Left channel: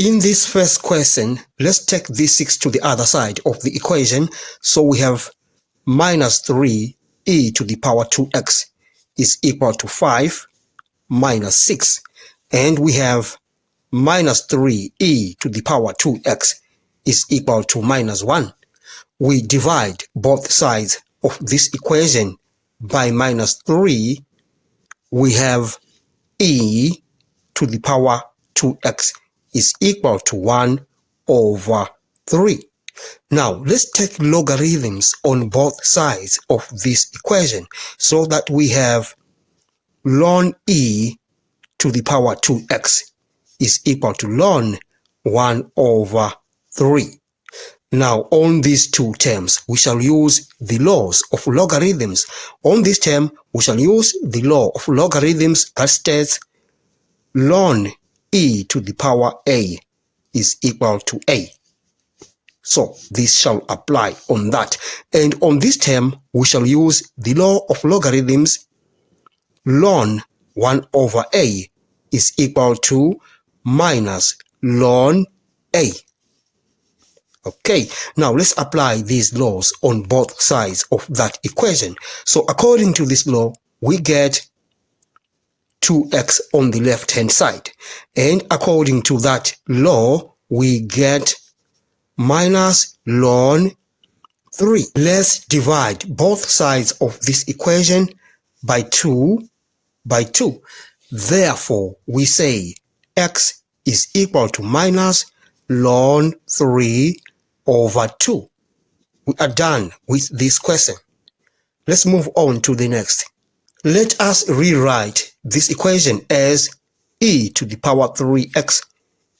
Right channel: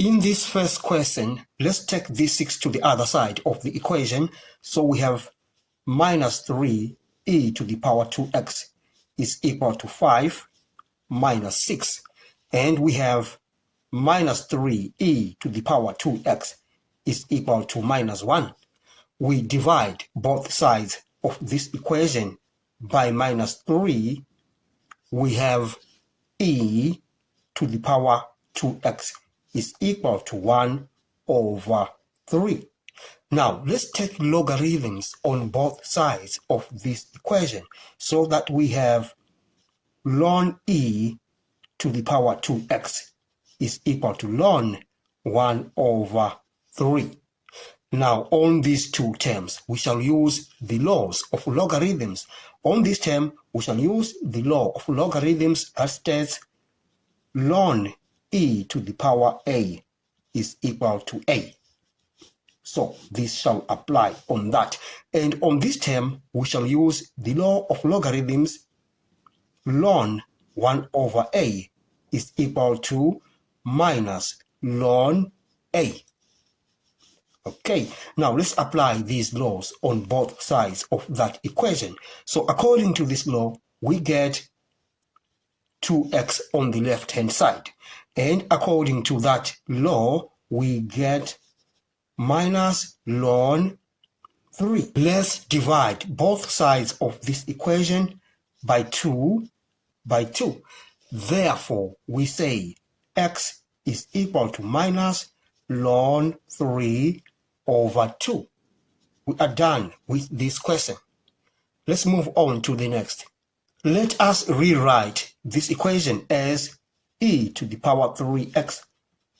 In this first question, let's take this 6 to the other side of the equation. So we have minus 3e to the power 2x is equal to 5 minus 6. And we have minus 3e to the power 2x is equal to minus 1. We divide both sides of this equation by minus 3. We have e to the power 2x is equal to 1 over 3. Now, let's take logarithms on both sides of this equation so that we have ln e to the power 2x is equal to ln 1 over 3. Now, on these two terms, we shall use the laws of logarithms. On this term, we shall use the law of logarithms that states ln e to the power a is equal to a. So this shall apply on that. And on this term, we shall use the law of logarithms. Ln 1 over a is equal to minus ln a. Okay, now let's apply these laws on both sides of that equation. So according to this law, we get 2x on the left-hand side. And according to that law, we get minus ln 3. Let's divide both sides of this equation by 2 by 2. Therefore, we say x is equal to minus ln 3 over 2. We are done with this question. Let's move on to the next. Let us rewrite this equation as e to the power 3x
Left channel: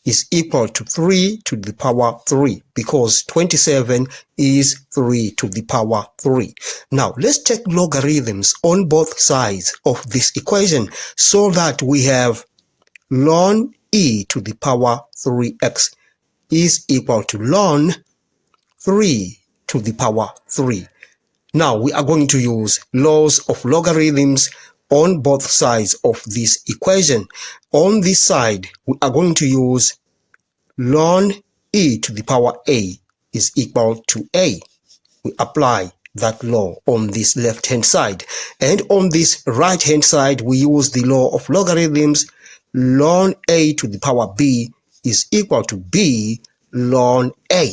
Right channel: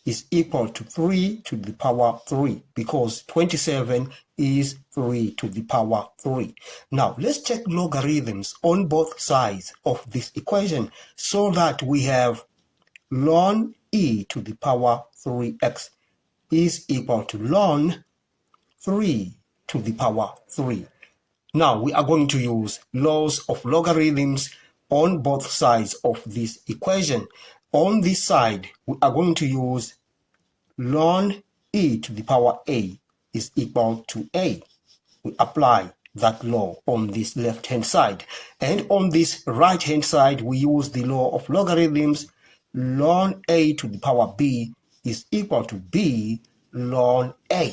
is equal to 3 to the power 3 because 27 is 3 to the power 3. Now, let's take logarithms on both sides of this equation so that we have ln e to the power 3x is equal to ln 3 to the power 3. Now, we are going to use laws of logarithms on both sides of this equation. On this side, we are going to use ln e to the power a is equal to a. We apply that law on this left-hand side. And on this right-hand side, we use the law of logarithms. Ln a to the power b is equal to b ln a.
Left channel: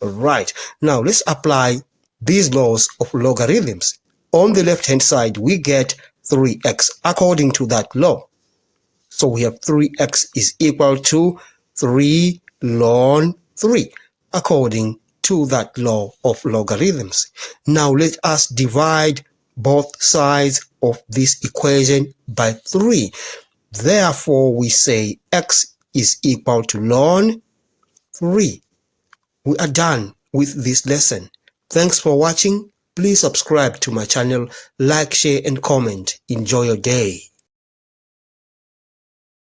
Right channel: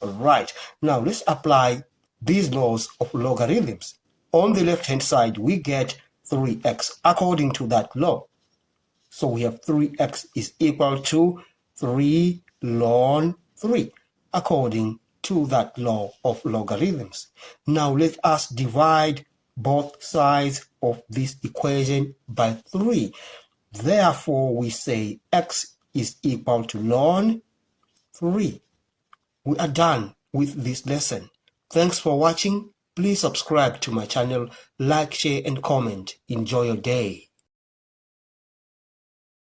All right. Now, let's apply these laws of logarithms. On the left-hand side, we get 3x according to that law. So we have 3x is equal to 3 ln 3 according to that law of logarithms. Now let us divide both sides of this equation by 3. Therefore, we say x is equal to ln 3. We are done with this lesson. Thanks for watching. Please subscribe to my channel, like, share, and comment. Enjoy your day.